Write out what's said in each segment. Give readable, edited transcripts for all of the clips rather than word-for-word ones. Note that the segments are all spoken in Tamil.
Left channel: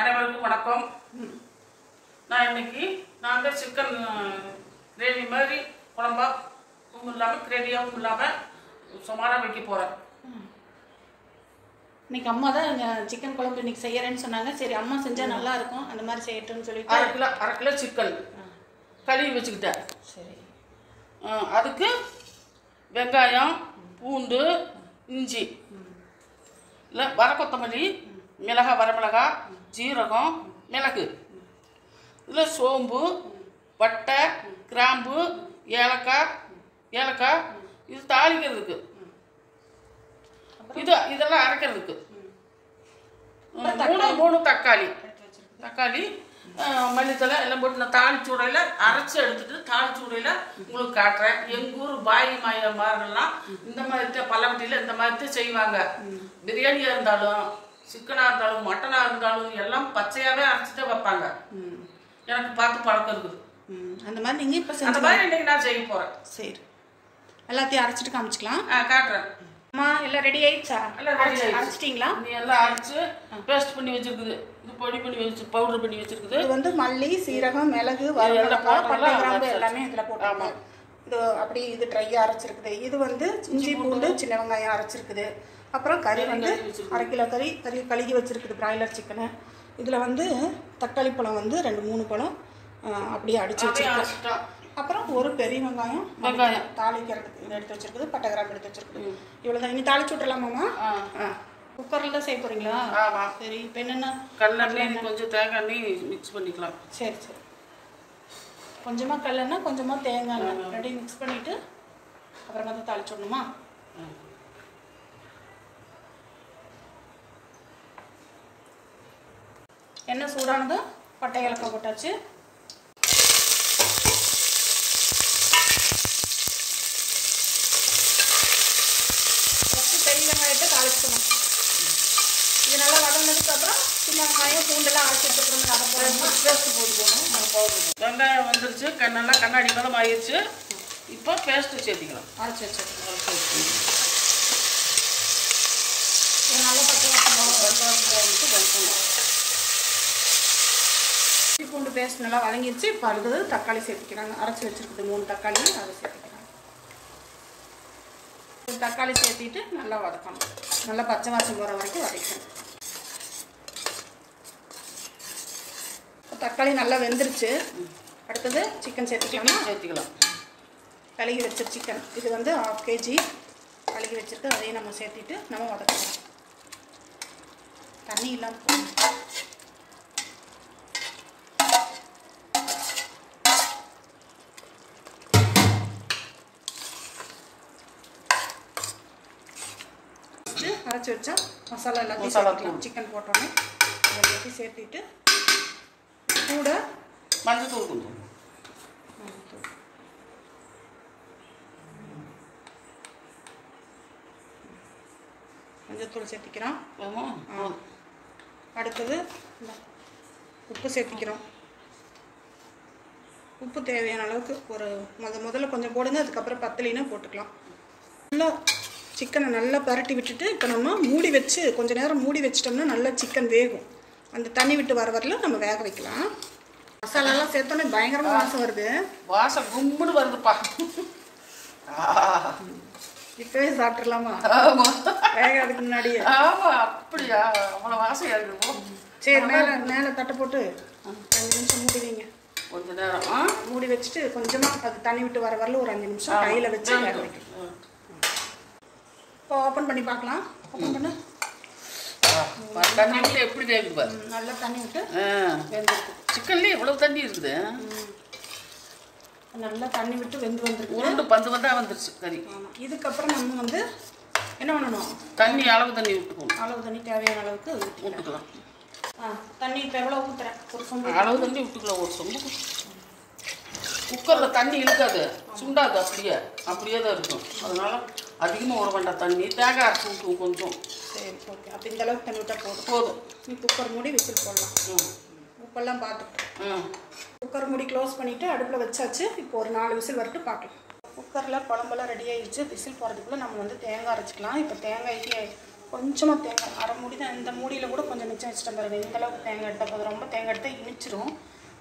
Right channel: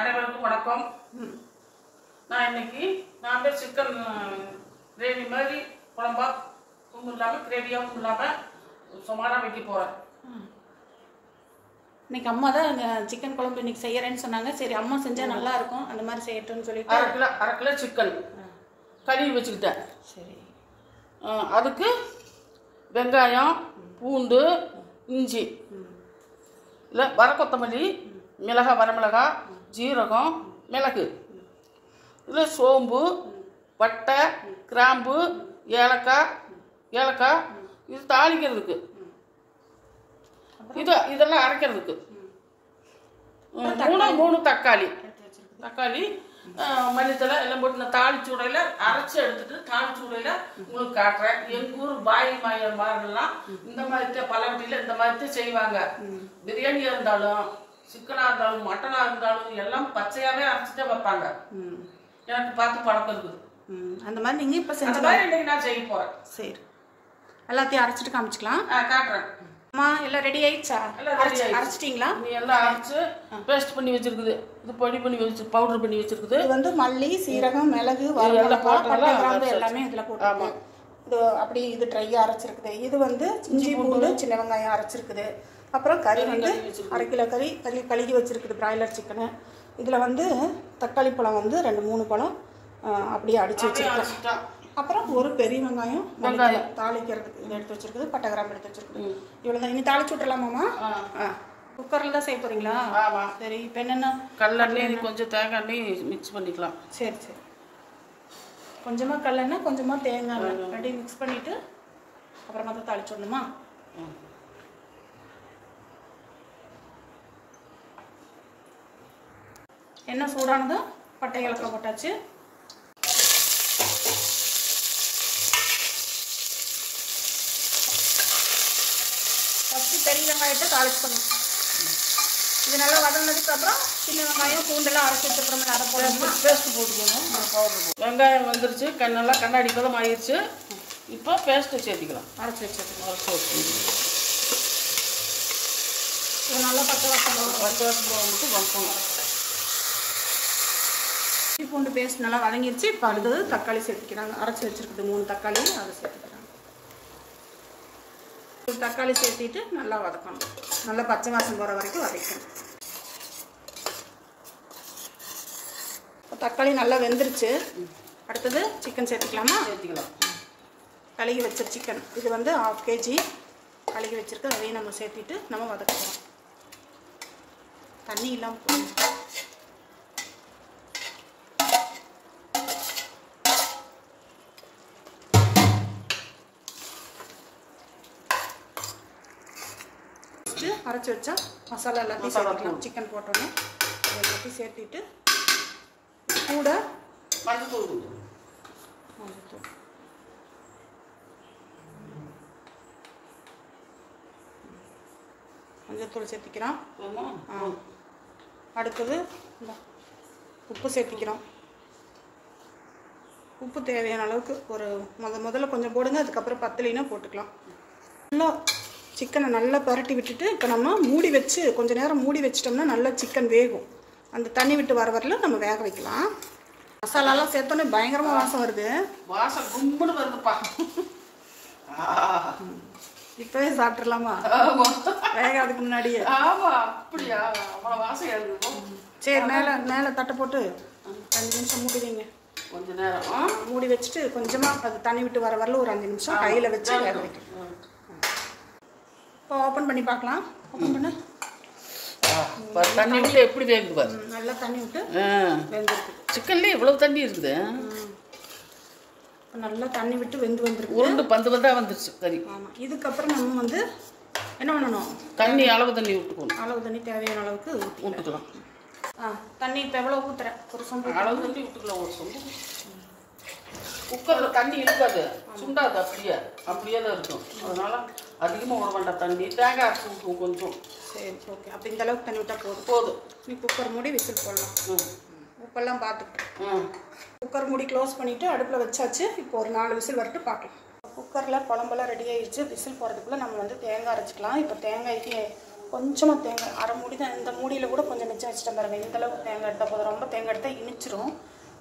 அனைவருக்கும் வணக்கம். நான் இன்னைக்கு சிக்கன் கிரேவி மாதிரி குழம்பா இல்லாமல் கிரேவியாகவும் இல்லாமல் சுமாராக வைக்க போகிறேன். இன்னைக்கு அம்மா தான் சிக்கன் குழம்பு இன்னைக்கு செய்யறேன்னு சொன்னாங்க. சரி, அம்மா செஞ்சால் நல்லா இருக்கும், அந்த மாதிரி செய்யட்டும்னு சொல்லிட்டு அரை கிலோ சிக்கன் கழுவி வச்சுக்கிட்டேன். சரி, அதுக்கு வெங்காயம், பூண்டு, இஞ்சி, இல்லை வர கொத்தமல்லி, மிளகாய், வரமிளகாய், ஜீரகம், மிளகு, இதில் சோம்பு, பட்டை, கிராம்பு, ஏலக்காய் இது தாளிக்கிறதுக்கு, இதெல்லாம் அரைக்கிறதுக்கு. மூணு தக்காளி மல்லித்தலை எல்லாம் போட்டு நான் தாளிச்சு உடையில அரைச்சி எடுத்துட்டு தாளிச்சு உடையில உங்களுக்கு காட்டுறேன். எங்கள் ஊர் பாய் மார்கள்லாம் இந்த மாதிரி பல்லவட்டியில் இந்த மாதிரி செய்வாங்க. பிரியாணியாக இருந்தாலும் சிக்கனாக இருந்தாலும் மட்டனாக இருந்தாலும் எல்லாம் பச்சையாகவே அரைச்சிட்டு வைப்பாங்க. எனக்கு பார்த்து பழக்கம் இருக்குது. அந்த மாதிரி நீங்கள் இப்போ அந்த மாதிரி இன்னைக்கு நான் செய்ய போகிறேன். சரி, எல்லாத்தையும் அரைச்சிட்டு காமிச்சிக்கலாம். காட்டுறேன். அம்மா எல்லாம் ரெடி ஆயிடுச்சா? அரைச்சிட்டிங்களா? நீ எல்லாம் அரைச்சு பேஸ்ட் பண்ணி வச்சிருக்குது. இது பொடி பண்ணி வச்சு பவுடர் பண்ணி வச்சிருக்குது. இது வந்து மல்லி, சீரகம், மிளகு, வரமிளகாய், பட்டை, கிராம்பு எல்லாமே இதில் போட்டு இது அப்படி இது ட்ரையாக அரைச்சிருக்குது. இது வந்து இஞ்சி, பூண்டு, சின்ன வெங்காயம் அரைச்சிருக்குது. அப்புறம் கறி வந்து அரை கிலோ கறி கழுகி வச்சிருக்குது, பிராய்லர் சிக்கனு. இதில் வந்து தக்காளி பழம் வந்து 2-3 பழம் அப்படியே அடித்து வச்சிருக்கோம். அப்புறம் ஒரு பெரிய வெங்காயம் தாளிக்கிறதுக்கு இதை எடுத்து வச்சிருக்குது, பட்டை கிராம்பு எடுத்து வச்சிருக்குது. இவ்வளோதான். இனி தாளிச்சு விட்டுலாமாம்மா? குக்கரில் தான் செய்ய போகிறீங்களா? சரி, இப்போ என்னென்ன கடலெண்ணெய், கொஞ்சம் தேங்காய் எண்ணெய் மிக்ஸ் பண்ணிக்கலாம். சரி, கொஞ்சமாக கடலெண்ணெய், கொஞ்சமாக தேங்காய் எண்ணெய் ரெண்டையும் மிக்ஸ் பண்ணிவிட்டு அப்புறமா தான் தாளிச்சு விடணுமா? எண்ணெய் சூடானதும் பட்டை ஏலக்காய் போட்டாச்சு. ஃபஸ்ட்டு பெரிய வெங்காயத்தை தாளிச்சுக்கணும். இது நல்லா வதங்கினதுக்கு அப்புறம் சின்ன வெங்காயம், பூண்டெல்லாம் அரைச்சி வச்சுக்கிறோம். அதை போடணுமா? பேஸ்ட்டு போட்டுக்கணும். வெங்காயம் வந்துருச்சு, நல்லா கண்ணாடி பதம் ஆயிடுச்சு. இப்போ பேஸ்ட்டு சேர்த்திக்கலாம். அரைச்சி வச்சுருக்கோம். இது நல்லா பச்சை வாசம் பூண்டு பேஸ்ட் நல்லா வதங்கிடுச்சு. இப்போ அடுத்தது தக்காளி சேர்த்துக்கிறாங்க. அரைச்சி வச்சுருக்குது 3 தக்காளி, அதை சேர்த்துக்கிறாங்க. தக்காளி சேர்த்திட்டு நல்லா வதக்கணும். நல்லா பச்சை வாசம் போகிற வரைக்கும் வதக்கணும். தக்காளி நல்லா வெந்துருச்சு. அடுத்தது சிக்கன் சேர்த்துக்கலாமா? சேர்த்துக்கலாம். கழுகி வச்ச சிக்கன் இது வந்து 1/2 kg கழுகி வச்சுருக்கு. அதையும் நம்ம சேர்த்திட்டு நம்ம வதக்கலாம். தண்ணி இல்லாமல் போகணும். அரைச்சி வச்சா மசாலா எல்லாத்தையும் சேர்த்துக்கலாம். சிக்கன் போட்டோன்னே எல்லாத்தையும் சேர்த்திட்டு கூட மஞ்சத்தூள் சேர்த்திக்கிறோம். அடுத்தது உப்பு சேர்த்திக்கிறோம். உப்பு தேவையான அளவுக்கு ஒரு முதல்ல கொஞ்சம் போடுங்க, அதுக்கப்புறம் பத்தலைன்னா போட்டுக்கலாம். நல்லா சிக்கனை நல்லா பரட்டி விட்டுட்டு இப்போ நம்ம மூடி வச்சு கொஞ்சம் நேரம் மூடி வச்சிட்டோம்னா நல்லா சிக்கன் வேகும். அந்த தண்ணி விட்டு வர வரல நம்ம வேக வைக்கலாம். மசாலாலாம் சேர்த்தோன்னே பயங்கரமாக வாசம் வருது. வாசம் கும்புன்னு வருதுப்பா. இப்போவே சாப்பிட்றலாமா? வேகாதுக்கு முன்னாடியே? அப்படியா? அவ்வளோ வாசம் இருக்குது. சரி, மேலே தட்டை போட்டு 5 நிமிஷம் மூடி வைங்க. கொஞ்சம் நேரம் மூடி வச்சுட்டு கொஞ்சமாக அது தண்ணி விட்டு வர வரல ஒரு 5 நிமிஷம் கையில் வச்சு வேக வைக்கணும். இப்போ ஓப்பன் பண்ணி பார்க்கலாம். ஓப்பன் பண்ணு. தண்ணி விட்டு எப்படி வேகுது பாரு. நல்லா தண்ணி விட்டு வெந்திருக்கு. சிக்கன்லேயே இவ்வளோ தண்ணி இருக்குது. நல்லா தண்ணி விட்டு வெந்து வந்திருக்கு. உருண்டு பந்து வந்தால் வந்துருச்சு கறி. ஆமாம். இதுக்கப்புறம் நம்ம வந்து என்ன பண்ணணும்? தண்ணி அளவு தண்ணி விட்டுக்கணும். அளவு தண்ணி தேவையான அளவுக்கு விட்டுக்கலாம். தண்ணி இப்போ எவ்வளோ ஊற்றுறேன்? ஒரு சொம்பு அளவு தண்ணி விட்டுக்கலாம். ஒரு சொம்பு. குக்கரில் தண்ணி இருக்காது, சுண்டாது. அப்படியே தான் இருக்கும். அதனால அதிகமாக விட வேண்டாம் தண்ணி. தேங்காய் அரைச்சி ஊற்றுவோம் கொஞ்சம். சரி, ஓகே. அப்போ இந்த அளவுக்கு தண்ணி விட்டால் போதும். நீ குக்கர் மூடி விசில் போடலாம். உப்பெல்லாம் பார்த்துட்டு குக்கர் மூடி க்ளோஸ் பண்ணிவிட்டு அடுப்பில் வச்சாச்சு. இப்போ ஒரு 4 விசில் வரட்டு பார்க்கலாம். குக்கரில் குழம்பெல்லாம் ரெடி ஆகிடுச்சு. விசில் போகிறதுக்குள்ளே நம்ம வந்து தேங்காய் அரைச்சிக்கலாம். இப்போ தேங்காய்க்கு கொஞ்சமாக தேங்காய், அரை மூடி தான், இந்த மூடியில் கூட கொஞ்சம் மிச்சம் வச்சுட்டேன் பாருங்க. இந்த அளவுக்கு தேங்காய் எடுத்தால் போதும். ரொம்ப தேங்காய் எடுத்தால் இனிச்சிரும்.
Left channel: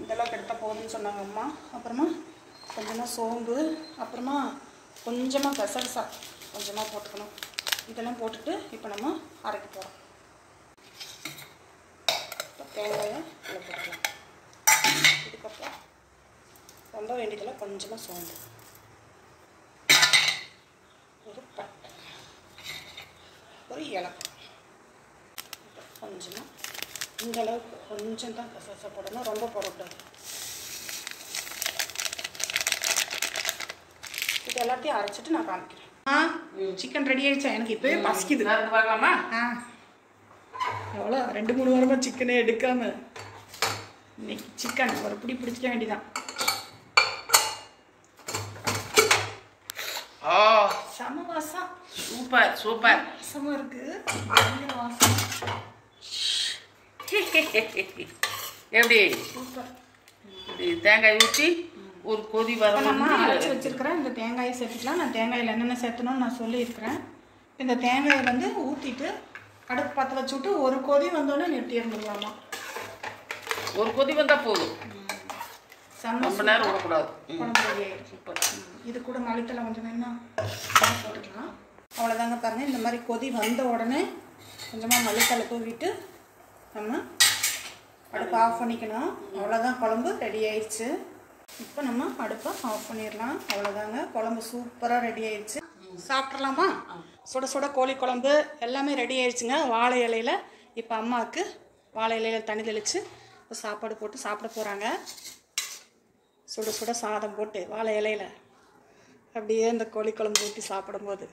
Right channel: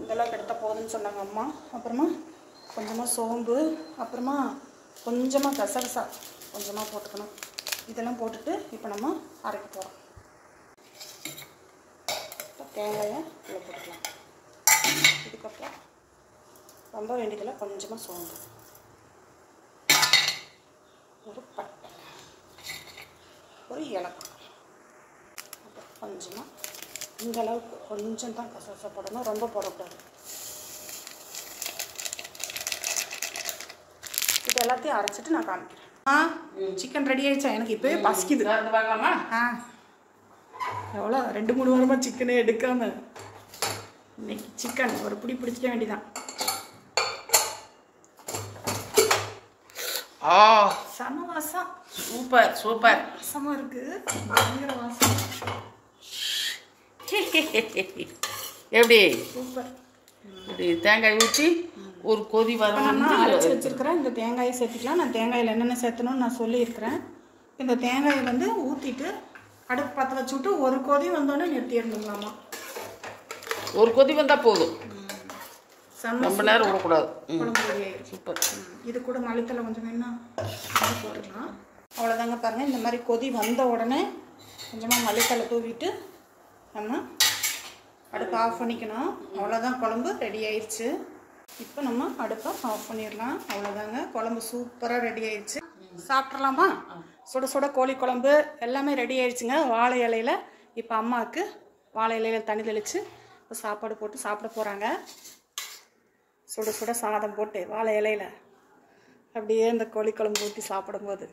இந்த அளவுக்கு எடுத்தால் போதும்னு சொன்னாங்க அம்மா. அப்புறமா கொஞ்சமாக சோம்பு, அப்புறமா கொஞ்சமாக கசகசா கொஞ்சமாக போட்டுக்கணும். இதெல்லாம் போட்டுட்டு இப்போ நம்ம அரைக்க போகிறோம். தேங்காயை இதில் போட்டுக்கலாம். இதுக்கப்புறம் ரொம்ப வேண்டியதில் கொஞ்சமாக சோம்பு, ஒரு பட்டை, ஒரு ஏலக்காய், அப்புறம் கொஞ்சமாக இந்த அளவுக்கு கொஞ்சம் தான் கசகசா போடணும், ரொம்ப போடக்கூடாது. இது எல்லாத்தையும் அரைச்சிட்டு நான் காமிக்கிறேன். சிக்கன் ரெடி ஆயிடுச்சா? எனக்கு இப்போவே பசிக்குது. பார்க்கலாமா? எவ்வளோ 2-3 வாரமாக சிக்கனே எடுக்காம இன்னைக்கு சிக்கன் ஒரு பிடி பிடிச்சிக்க வேண்டியதான். செம வாசம். Super super. வாசமாக இருக்கு, பயங்கர வாசம். எப்படி சூப்பர். இப்படி தேங்காய் ஊற்றி ஒரு கொதி வர நம்ம அரைச்சி வச்சிருக்கிறேன். இந்த தேங்காயை சேர்த்துக்கலாம். நான் தேங்காயில் என்னென்ன சேர்த்தணும்னு நான் சொல்லியிருக்கிறேன். இந்த தேங்காயை வந்து ஊற்றிட்டு அடுப்பு பற்ற வச்சு விட்டு ஒரு கொதி வந்தோடனே நிறுத்திடணுங்களாமா. ஒரு கொதி வந்தால் போதும், செம்ம ரொம்ப நேரம் விடக்கூடாது. குழம்பு ரெடி ஆயிடும். சூப்பர். இது கூட மல்லித்தலை கொஞ்சம் வேணும்னா போட்டுக்கலாம். அவ்வளோதாங்க. பாருங்கள், இந்த மாதிரி கொதி வந்த உடனே கொஞ்சமாக மல்லித்தலை தூவிட்டு நம்ம அடுப்பை ஆஃப் பண்ணிக்கணும். அவ்வளோதான், குழம்பு ரெடி ஆயிடுச்சு. இப்போ நம்ம அடுப்பை ஆஃப் பண்ணிடலாம். அவ்வளோதாங்க, குழம்பு சூப்பராக ரெடி ஆயிடுச்சு. சாப்பிட்றலாமா? சுட சுட கோழி குழம்பு எல்லாமே ரெடி ஆயிடுச்சுங்க. வாழை இலையில் இப்போ அம்மாவுக்கு வாழை இலையில் தண்ணி தெளித்து இப்போ சாப்பாடு போட்டு சாப்பிட போகிறாங்க. சுட சுட சாதம் போட்டு வாழை இலையில் அப்படியே இந்த கோழி குழம்பு ஊற்றி சாப்பிடும்போது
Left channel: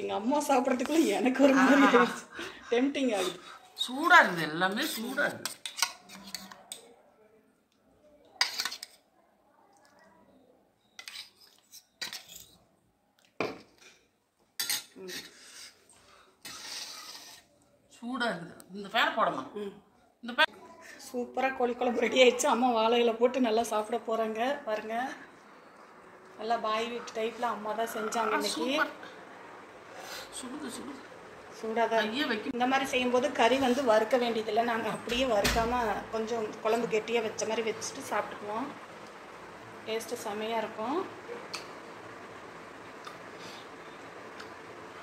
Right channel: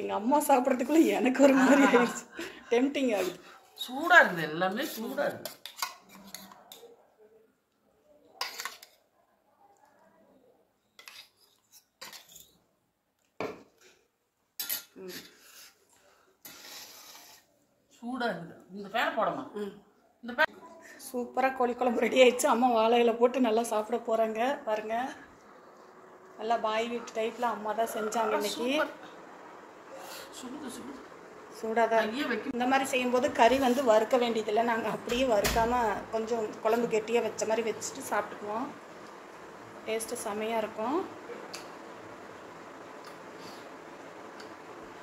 எங்கள் அம்மா சாப்பிட்றதுக்குள்ளே எனக்கு ஒரு மாதிரி ஆயிடுச்சு. டெம்டிங் ஆகுது. சூடாக இருக்குது, எல்லாமே சூடாக இருக்குது. சூடாக இருக்குது. இந்த ஃபேனை போடமா? இந்த ஃபேன். சூப்பராக கோழி குழம்பு ரெடி ஆயிடுச்சு. அம்மா வாழையில போட்டு நல்லா சாப்பிட போகிறாங்க. பாருங்கள், நல்லா பாய் வீட்டு டைப்பில் அம்மா தான் செஞ்சாங்க இன்னைக்கு. சூடாக தான் வைக்க. இந்த மாதிரி செய்யும்போது கறி வந்து வறுக்க வேண்டியதில்லை. நாங்கள் அப்படியே வறுக்காமல் கொஞ்சம் குழம்பு கெட்டியாக வச்ச மாதிரி வச்சுட்டு சாப்பிட்டுக்குவோம். டேஸ்ட்டு செமையாக இருக்கும்.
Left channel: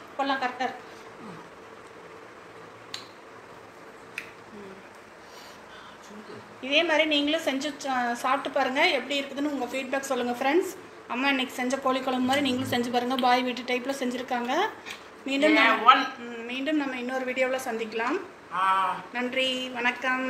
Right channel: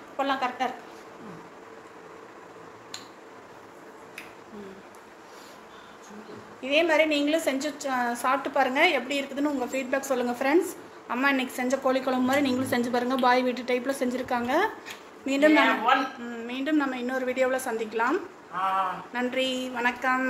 இப்போல்லாம் கரெக்டாக இருக்கு. இதே மாதிரி நீங்களும் செஞ்சு சாப்பிட்டு பாருங்கள், எப்படி இருக்குதுன்னு உங்கள் ஃபீட்பேக் சொல்லுங்கள் ஃப்ரெண்ட்ஸ். அம்மா இன்னைக்கு செஞ்ச கோழி குழம்பு மாதிரி நீங்களும் செஞ்சு பாருங்கள். பாய் வீட்டு டைப்பில் செஞ்சுருக்காங்க. மீண்டும் நம்ம இன்னொரு வீடியோவில் சந்திக்கலாம். நன்றி, வணக்கம்.